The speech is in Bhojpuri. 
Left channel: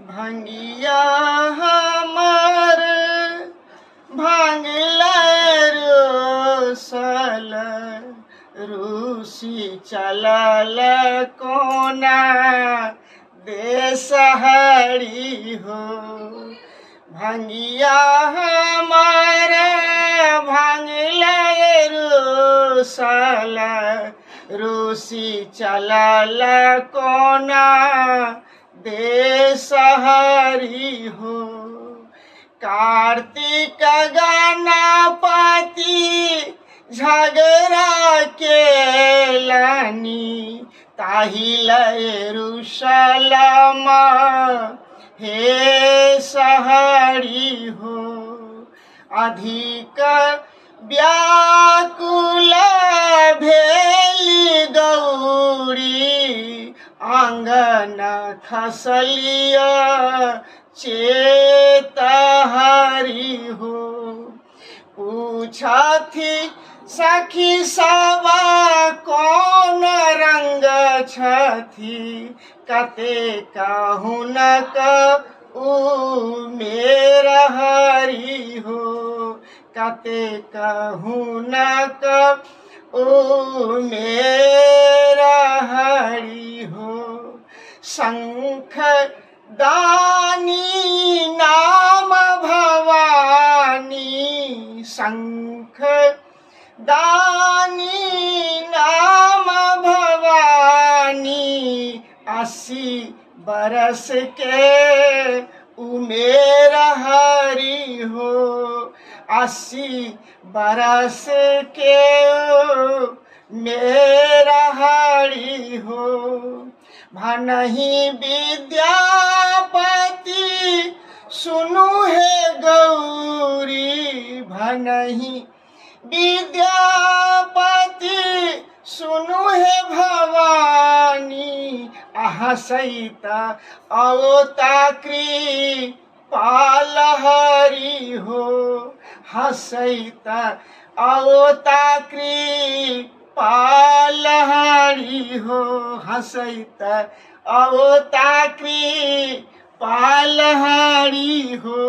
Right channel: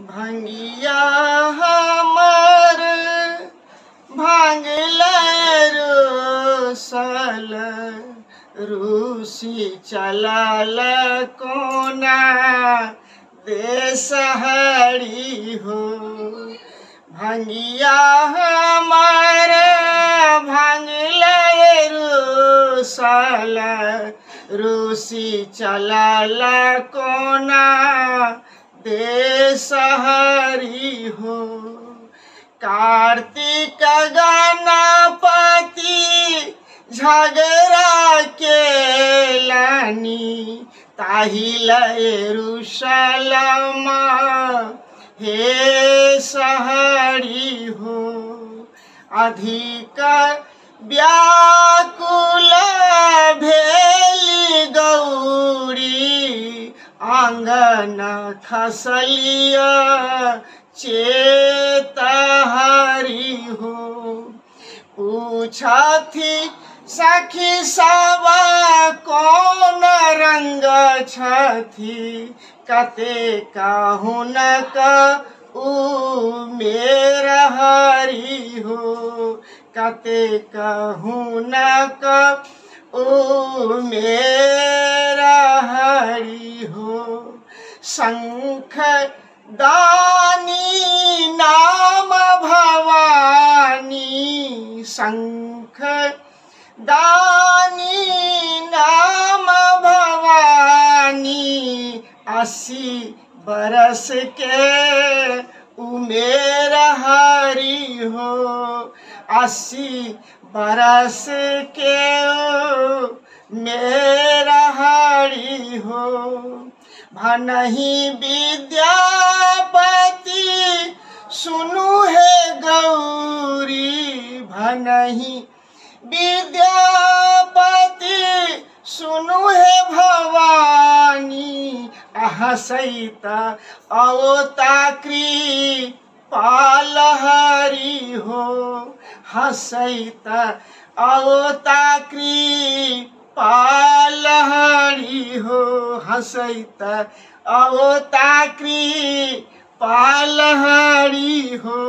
भंगिया हमर भांगले रोसल रूसी चलल कोना देसहरी हो। भंगिया हमर भांगले रोसल रूसी चलल कोना देसहरी हो। कार्तिक गणपति झगड़ा के लानी ताहिल यरूशलेम हे सहरी हो। अधिक व्याकुल भेली गौरी आंगन खसलिय चेतहरी हो। पूछथि सखी सब कौन रंग छथि कते हुनक उमेर हरि हो। कते हुनक उमेर हरि हो। शंख दानी नाम भवानी शंख दानी नाम भवानी 80 बरस के उमेर हरि हो। 80 बरस के मेरा हरि हो। भनहि विद्यापति सुनु हे गौरी भनहि विद्यापति सुनु हे भवानी हसैत अवता कृपाल हरि हो। हसैत अवता कृपाल हरि हो। हसैत अवता कृपाल हरि हो।